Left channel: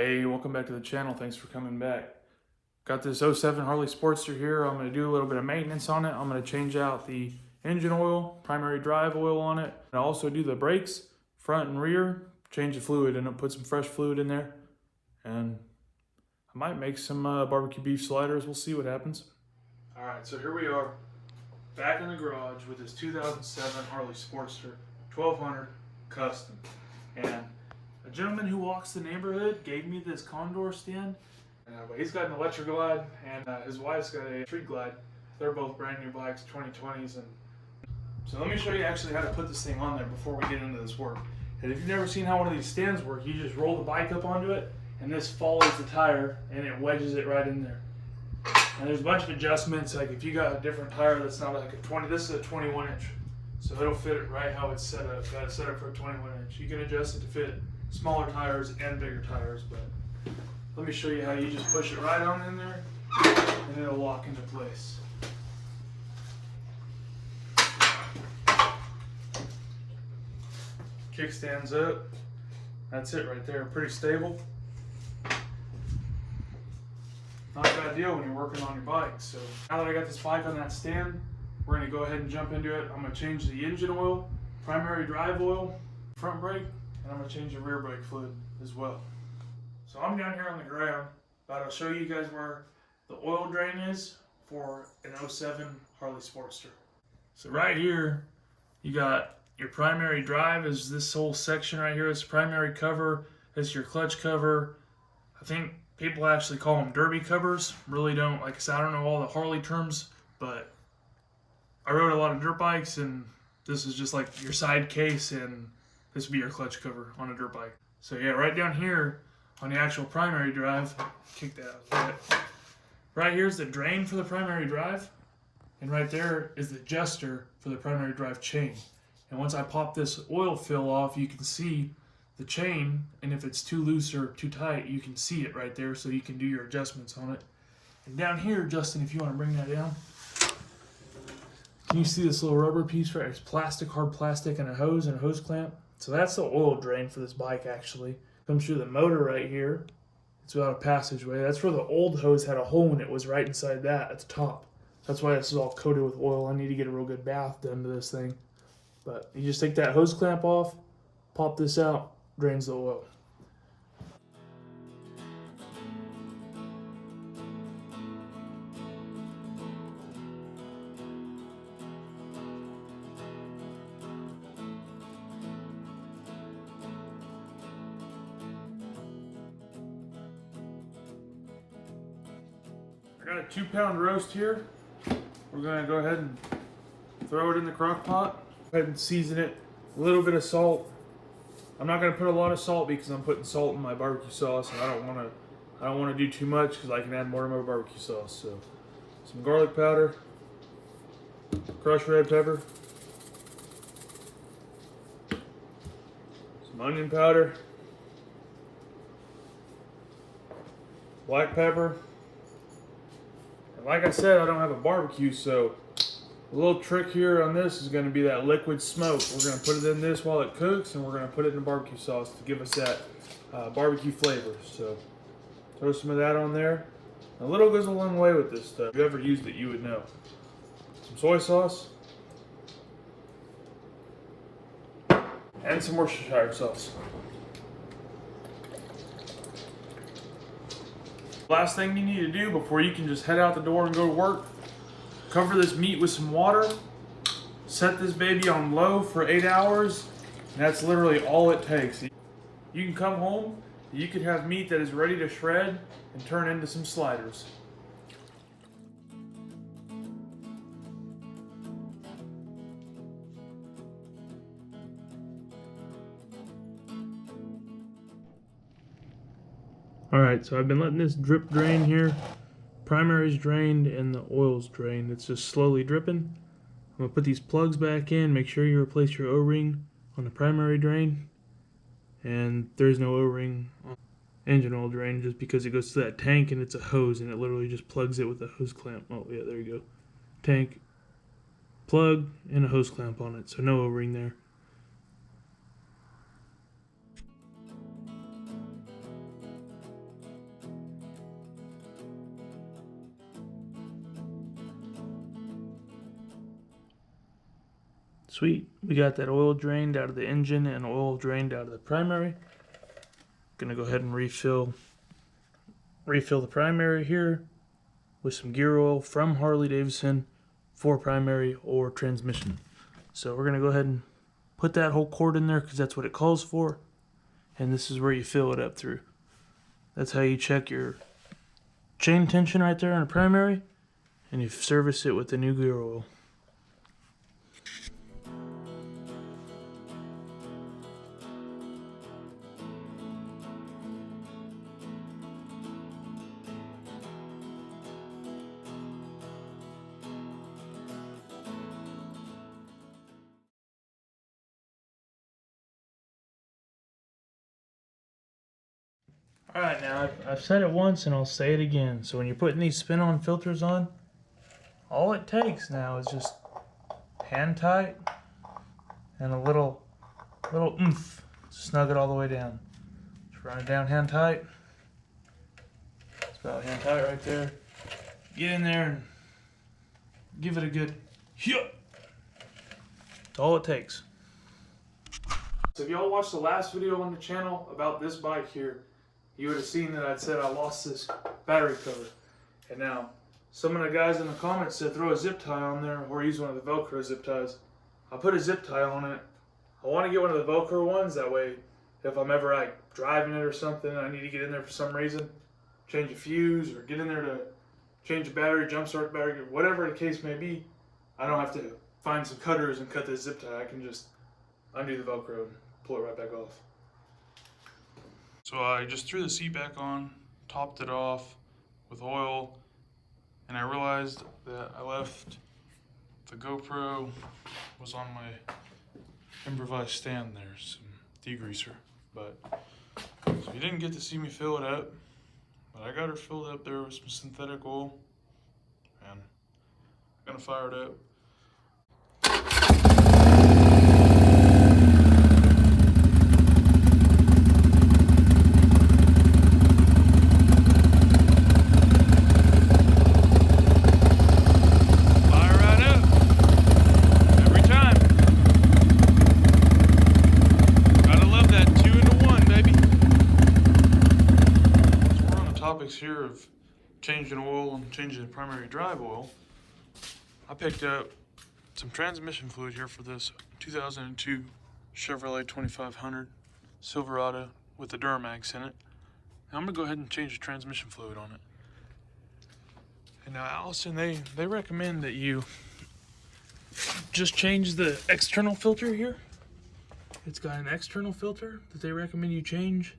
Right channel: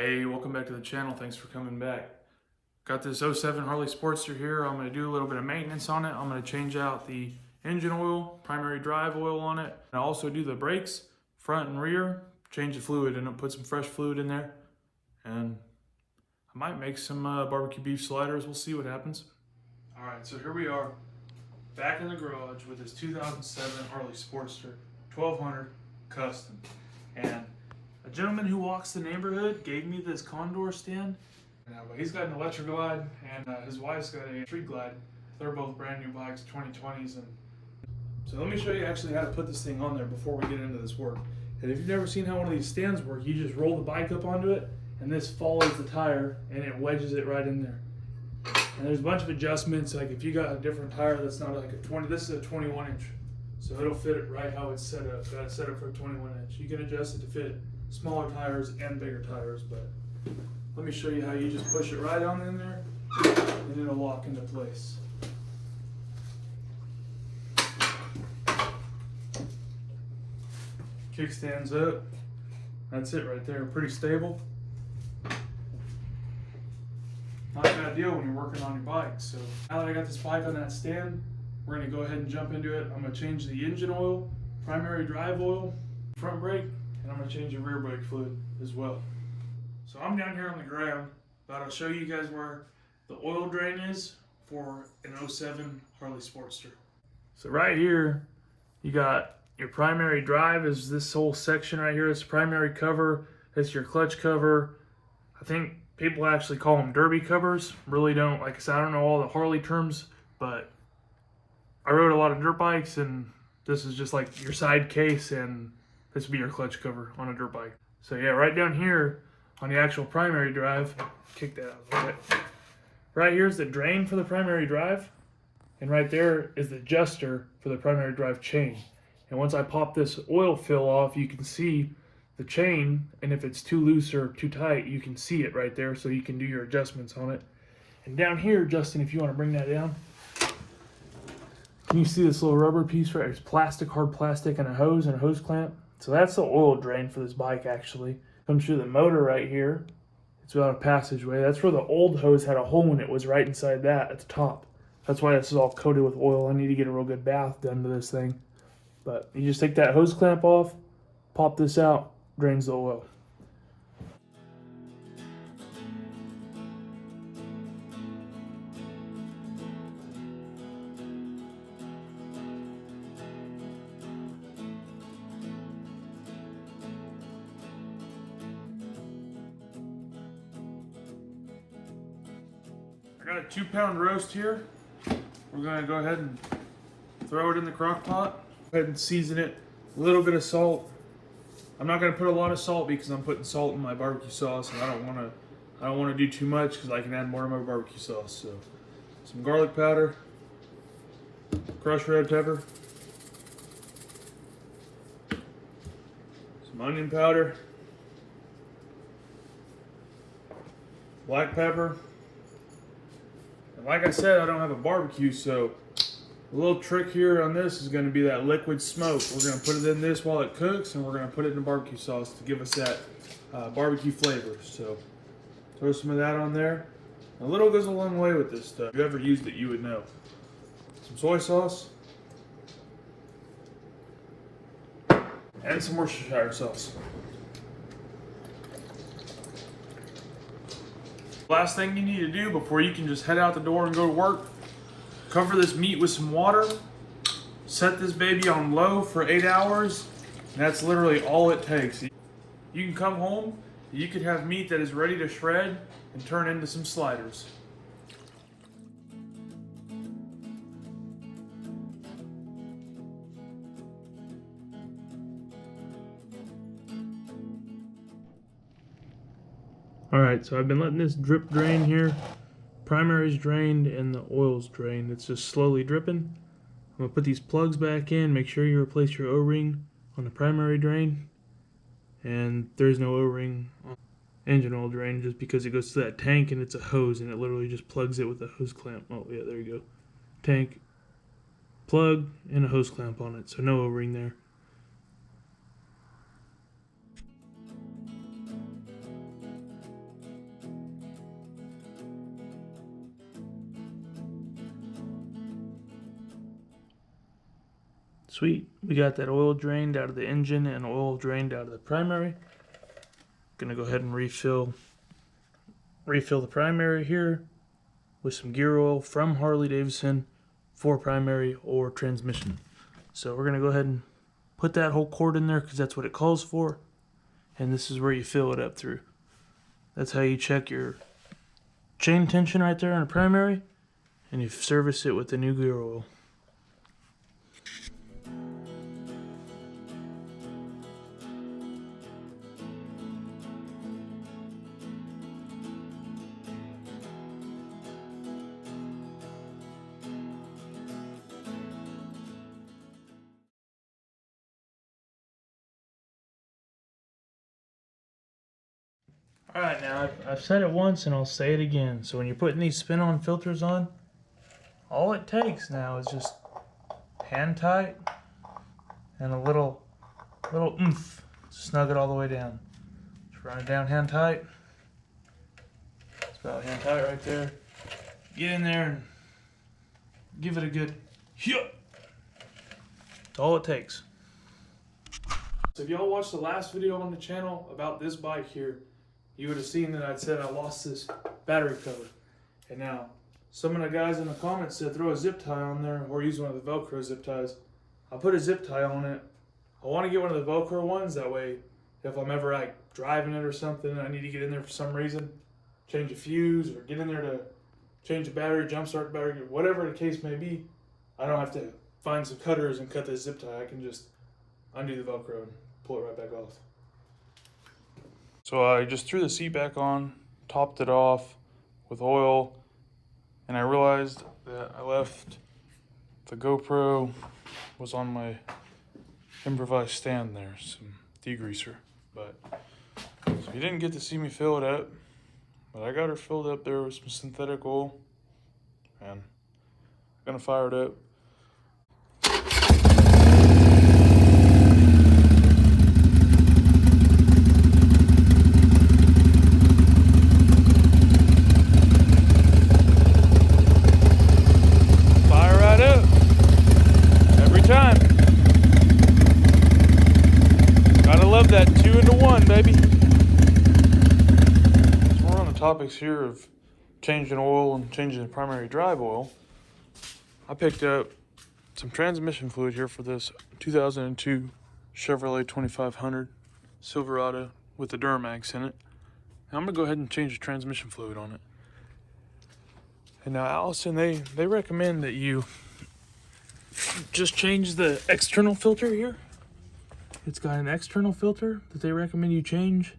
Hey, welcome back to the channel. Thanks for coming back. Got this '07 Harley Sportster here. I'm going to do a little bit of maintenance on it. I'm going to change out the engine oil, primary drive oil on it. And also do the brakes, front and rear, change the fluid and put some fresh fluid in there. And I might make some barbecue beef sliders. We'll see what happens. All right, so here we are back in the garage with this 2007 Harley Sportster 1200 Custom. And a gentleman who walks the neighborhood gave me this Condor stand. He's got an electric glide and his wife's got a street glide. They're both brand new bikes, 2020s. And so let me show you actually how to put this thing on there before we get into this work. And if you've never seen how one of these stands work, you just roll the bike up onto it and this follows the tire and it wedges it right in there. And there's a bunch of adjustments, like if you got a different tire that's not like a 20, this is a 21 inch. So it'll fit it right how it's set up. Got it set up for a 21 inch. You can adjust it to fit smaller tires and bigger tires, but let me show you how you just push it right on in there and it'll lock into place. Kickstands up. That's it right there. Pretty stable. Not a bad deal when you're working on your bike. So now that I got this bike on that stand, we're going to go ahead and jump into it. I'm going to change the engine oil, primary drive oil, front brake, and I'm going to change the rear brake fluid as well. So I'm down here on the ground, but I'll show you guys where the oil drain is for an '07 Harley Sportster. So right here, you got your primary drive is this whole section right here. It's primary cover. It's your clutch cover. I think people actually call them derby covers. Really don't, like I said, I don't know all the Harley terms, but I rode a lot of dirt bikes and this is just like your side case and this would be your clutch cover on a dirt bike. So yeah, right down here on the actual primary drive, kick that out. Right here is the drain for the primary drive, and right there is the adjuster for the primary drive chain. And once I pop this oil fill off, you can see the chain, and if it's too loose or too tight, you can see it right there, so you can do your adjustments on it. And down here, Justin, if you want to bring that down, can you see this little rubber piece right? It's plastic, hard plastic, and a hose clamp. So that's the oil drain for this bike actually. Comes through the motor right here. It's about a passageway. That's where the old hose had a hole in it, was right inside that at the top. That's why this is all coated with oil. I need to get a real good bath done to this thing. But you just take that hose clamp off, pop this out, drains the oil. I got a 2-pound roast here. We're gonna go ahead and throw it in the crock pot. Go ahead and season it. A little bit of salt. I'm not gonna put a lot of salt because I'm putting salt in my barbecue sauce, and I don't wanna do too much because I can add more to my barbecue sauce. So, some garlic powder, crushed red pepper, some onion powder, black pepper. And like I said, I don't have a barbecue, so a little trick here on this is going to be that liquid smoke. We're going to put it in this while it cooks, and we're going to put it in the barbecue sauce to give us that barbecue flavor. So throw some of that on there. A little goes a long way with this stuff. If you ever used it, you would know. Some soy sauce. And some Worcestershire sauce. Last thing you need to do before you can just head out the door and go to work, cover this meat with some water, set this baby on low for 8 hours, and that's literally all it takes. You can come home, you could have meat that is ready to shred and turn into some sliders. Alright, so I've been letting this drip drain here. Primary's drained and the oil's drained. It's just slowly dripping. I'm going to put these plugs back in. Make sure you replace your O-ring on the primary drain. And there's no O-ring on the engine oil drain just because it goes to that tank and it's a hose and it literally just plugs it with a hose clamp. Oh yeah, there you go. Tank, plug, and a hose clamp on it. So no O-ring there. Sweet. We got that oil drained out of the engine and oil drained out of the primary. Gonna go ahead and refill the primary here with some gear oil from Harley Davidson for primary or transmission. So we're gonna go ahead and put that whole quart in there because that's what it calls for. And this is where you fill it up through. That's how you check your chain tension right there on the primary, and you service it with the new gear oil. Alright, now I've said it once and I'll say it again. So when you're putting these spin-on filters on, all it takes now is just hand tight and a little oomph to snug it all the way down. Just run it down hand tight. It's about hand tight right there. Get in there and give it a good hit. That's all it takes. So if y'all watched the last video on the channel about this bike here, you would have seen that I'd said I lost this battery cover. And now, some of the guys in the comments said throw a zip tie on there or use one of the Velcro zip ties. I put a zip tie on it. I want to get one of the Velcro ones, that way if I'm ever like driving it or something, I need to get in there for some reason, change a fuse or get in there to change a battery, jumpstart the battery, whatever the case may be, I don't have to find some cutters and cut this zip tie. I can just undo the Velcro and pull it right back off. So I just threw the seat back on, topped it off with oil, and I realized that I left the GoPro was on my improvised stand there, some degreaser. But you didn't get to see me fill it up, but I got her filled up there with some synthetic oil, and I'm gonna fire it up. Topics here of changing oil and changing the primary drive oil. I picked up some transmission fluid here for this 2002 Chevrolet 2500 Silverado with the Duramax in it. And I'm gonna go ahead and change the transmission fluid on it. And now Allison, they recommend that you just change the external filter here. It's got an external filter that they recommend you change,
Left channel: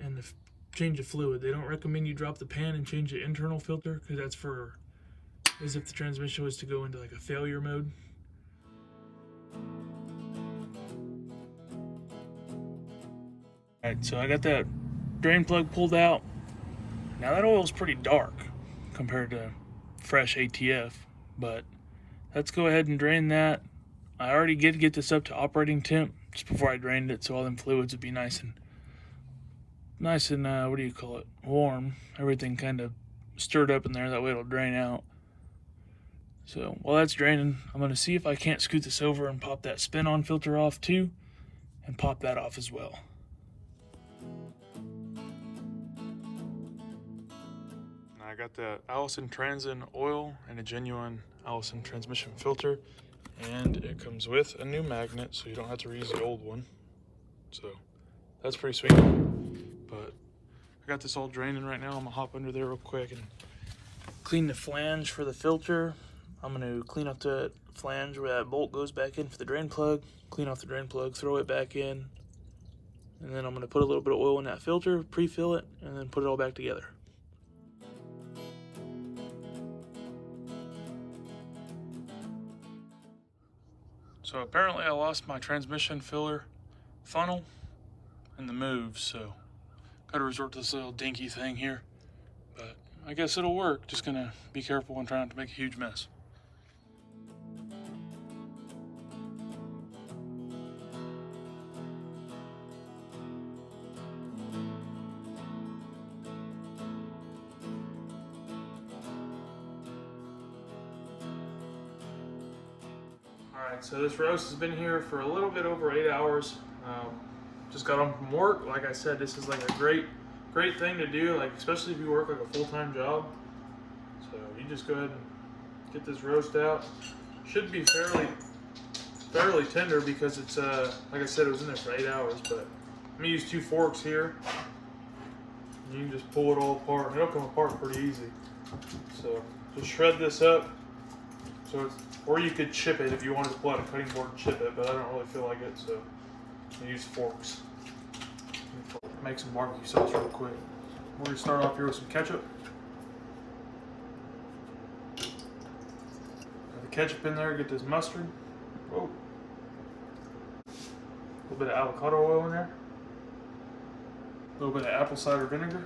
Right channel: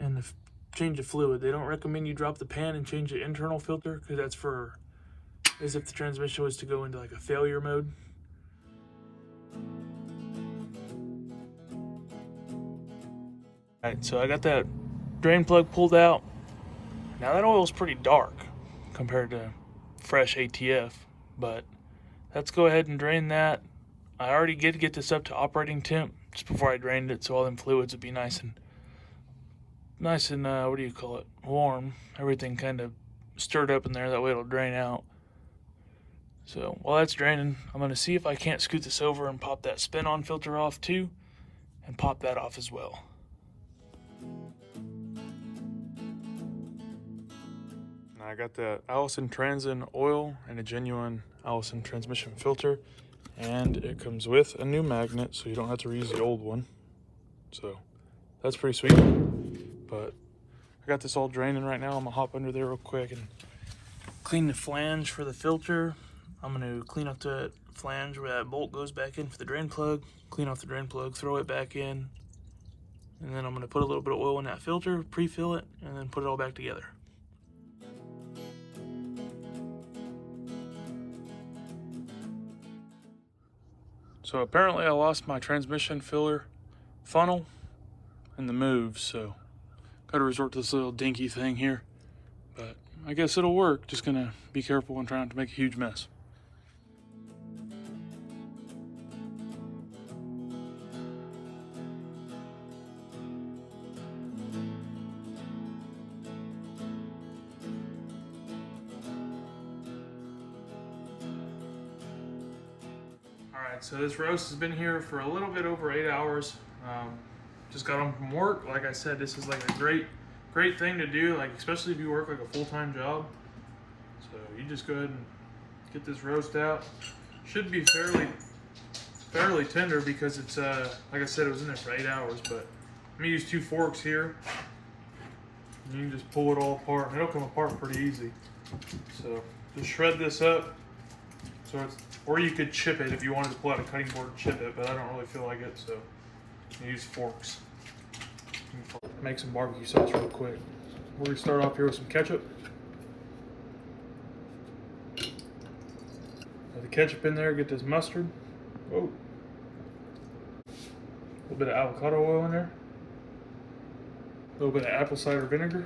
and change the fluid. They don't recommend you drop the pan and change the internal filter, because that's for as if the transmission was to go into like a failure mode. Alright, so I got that drain plug pulled out. Now that oil is pretty dark compared to fresh ATF, but let's go ahead and drain that. I already did get this up to operating temp just before I drained it, so all them fluids would be nice and what do you call it, warm. Everything kind of stirred up in there, that way it'll drain out. So while that's draining, I'm going to see if I can't scoot this over and pop that spin-on filter off too, and pop that off as well. Now I got the Allison Transin oil and a genuine Allison transmission filter, and it comes with a new magnet, so you don't have to reuse the old one. So that's pretty sweet. But I got this all draining right now. I'm gonna hop under there real quick and clean the flange for the filter. I'm gonna clean up the flange where that bolt goes back in for the drain plug, clean off the drain plug, throw it back in, and then I'm gonna put a little bit of oil in that filter, pre-fill it, and then put it all back together. So apparently I lost my transmission filler funnel in the move, so gotta resort to this little dinky thing here, but I guess it'll work. Just gonna be careful and try not to make a huge mess. Alright, so this roast has been here for a little bit over 8 hours. Just got home from work. Like I said, this is like a great thing to do, like especially if you work like a full-time job. So you just go ahead and get this roast out. Should be fairly tender because it's like I said, it was in there for 8 hours. But I'm gonna use 2 forks here. You can just pull it all apart. It'll come apart pretty easy. So just shred this up. So it's, or you could chip it if you wanted to pull out a cutting board and chip it, but I don't really feel like it, so I use forks. Make some barbecue sauce real quick. We're gonna start off here with some ketchup. Got the ketchup in there, get this mustard. Whoa. A little bit of avocado oil in there. A little bit of apple cider vinegar.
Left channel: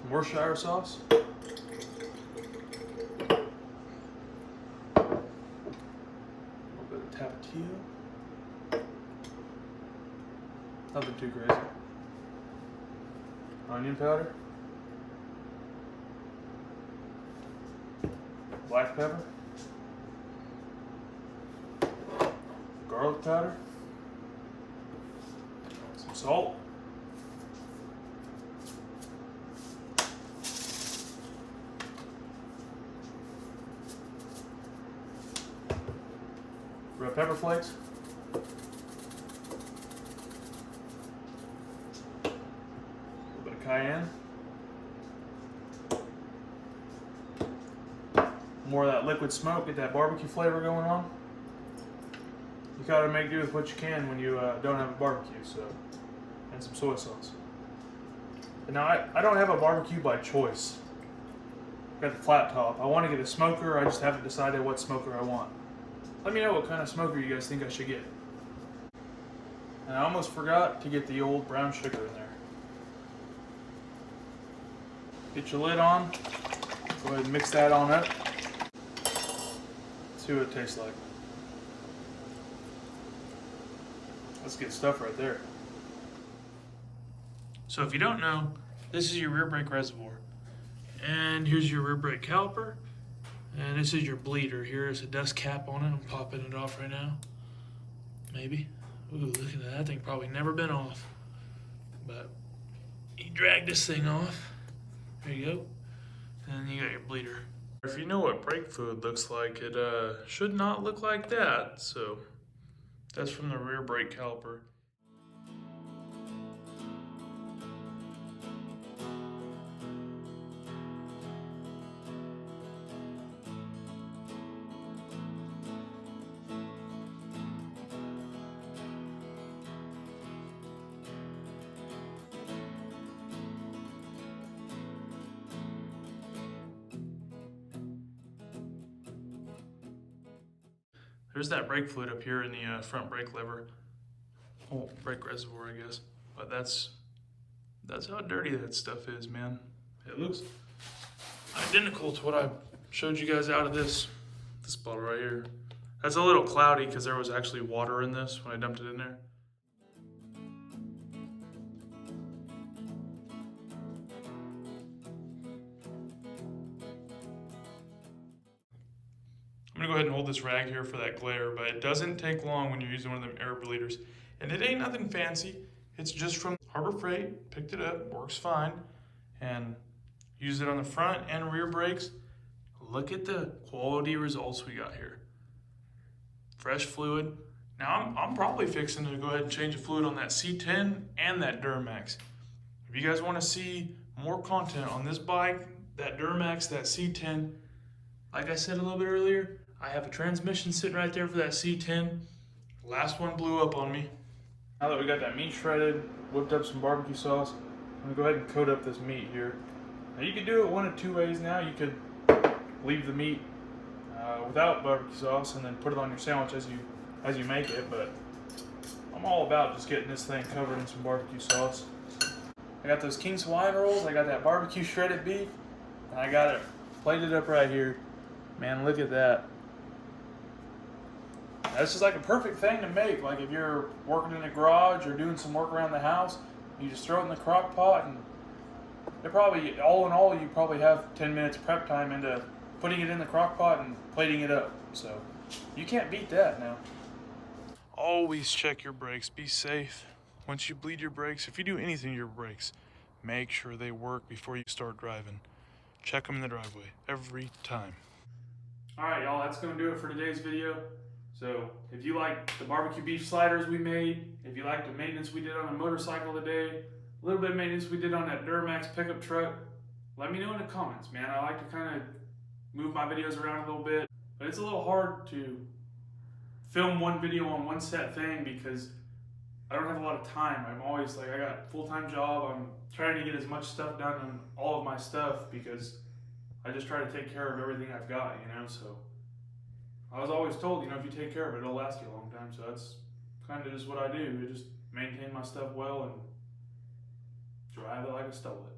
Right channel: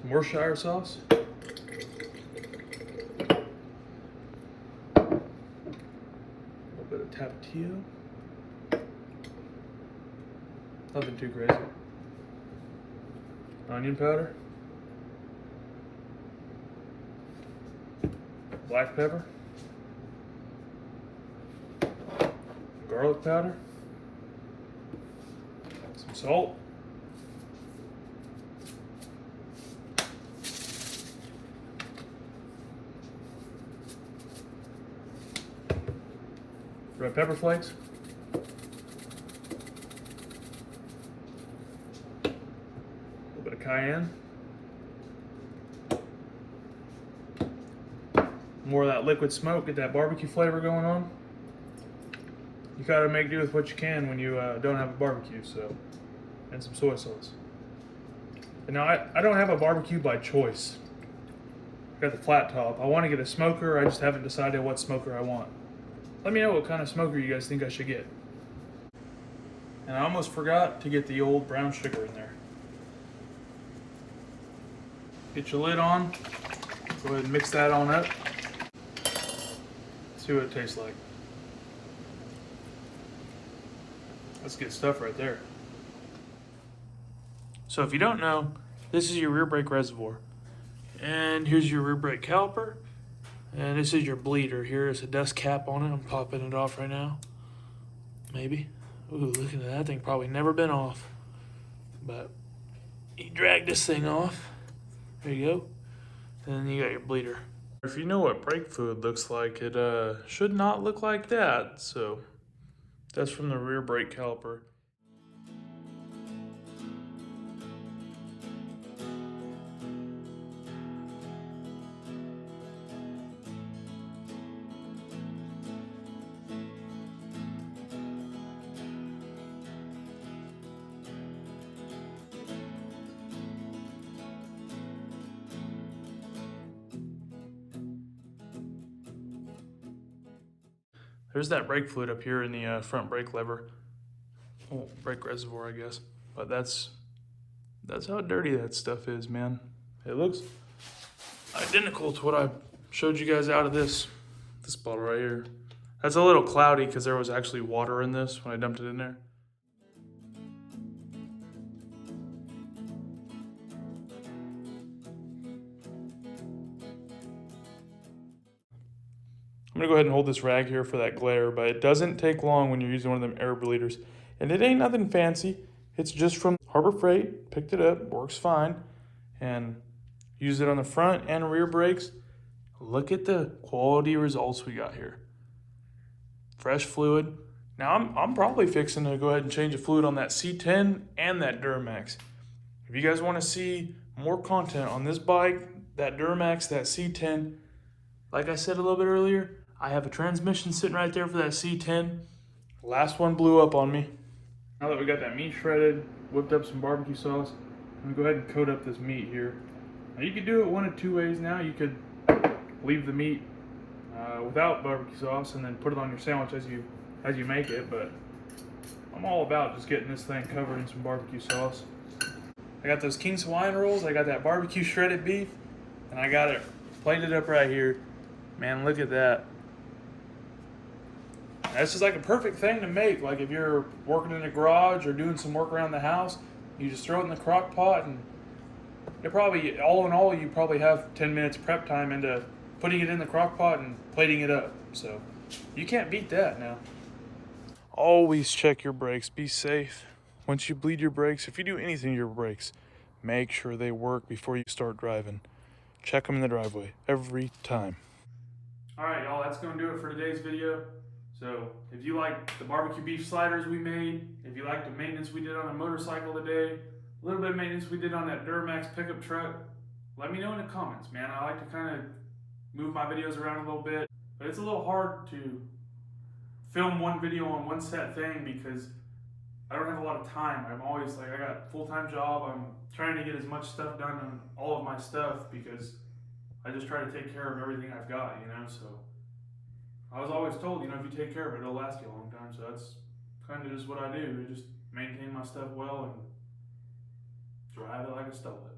Some Worcestershire sauce. A little bit of tapatio. Nothing too crazy. Onion powder. Black pepper. Garlic powder, some salt, red pepper flakes, a little bit of cayenne, more of that liquid smoke, get that barbecue flavor going on. You gotta make do with what you can when you don't have a barbecue, so, and some soy sauce. And now I don't have a barbecue by choice. I got the flat top. I want to get a smoker. I just haven't decided what smoker I want. Let me know what kind of smoker you guys think I should get. And I almost forgot to get the old brown sugar in there. Get your lid on. Go ahead and mix that on up. See what it tastes like. That's good stuff right there. So if you don't know, this is your rear brake reservoir. And here's your rear brake caliper. And this is your bleeder. Here is a dust cap on it. I'm popping it off right now. Maybe. Ooh, look at that. That thing probably never been off. But you drag this thing off. There you go. And then you got your bleeder. If you know what brake fluid looks like, it should not look like that. So that's from the rear brake caliper. There's that brake fluid up here in the front brake lever. Oh, brake reservoir, I guess. But that's how dirty that stuff is, man. It looks identical to what I showed you guys out of this bottle right here. That's a little cloudy because there was actually water in this when I dumped it in there. I'm gonna go ahead and hold this rag here for that glare, but it doesn't take long when you're using one of them air bleeders. And it ain't nothing fancy. It's just from Harbor Freight, picked it up, works fine. And use it on the front and rear brakes. Look at the quality results we got here. Fresh fluid. Now I'm probably fixing to go ahead and change the fluid on that C10 and that Duramax. If you guys wanna see more content on this bike, that Duramax, that C10, like I said a little bit earlier, I have a transmission sitting right there for that C10. Last one blew up on me. Now that we got that meat shredded, whipped up some barbecue sauce, I'm gonna go ahead and coat up this meat here. Now you could do it one of two ways now. You could leave the meat without barbecue sauce and then put it on your sandwich as you make it, but I'm all about just getting this thing covered in some barbecue sauce. I got those King's Hawaiian rolls, I got that barbecue shredded beef, and I got it plated up right here. Man, look at that. This is like a perfect thing to make. Like if you're working in a garage or doing some work around the house, you just throw it in the crock pot and it probably, all in all, you probably have 10 minutes prep time into putting it in the crock pot and plating it up. So you can't beat that now. Always check your brakes. Be safe. Once you bleed your brakes, if you do anything to your brakes, make sure they work before you start driving. Check them in the driveway every time. All right, y'all, that's going to do it for today's video. So if you like the barbecue beef sliders we made, if you like the maintenance we did on a motorcycle today, a little bit of maintenance we did on that Duramax pickup truck, let me know in the comments, man. I like to kind of move my videos around a little bit, but it's a little hard to film one video on one set thing because I don't have a lot of time. I'm always like, I got a full-time job. I'm trying to get as much stuff done on all of my stuff because I just try to take care of everything I've got, you know. So I was always told, you know, if you take care of it, it'll last you a long time. So that's kind of just what I do. I just maintain my stuff well and drive it like I stole it.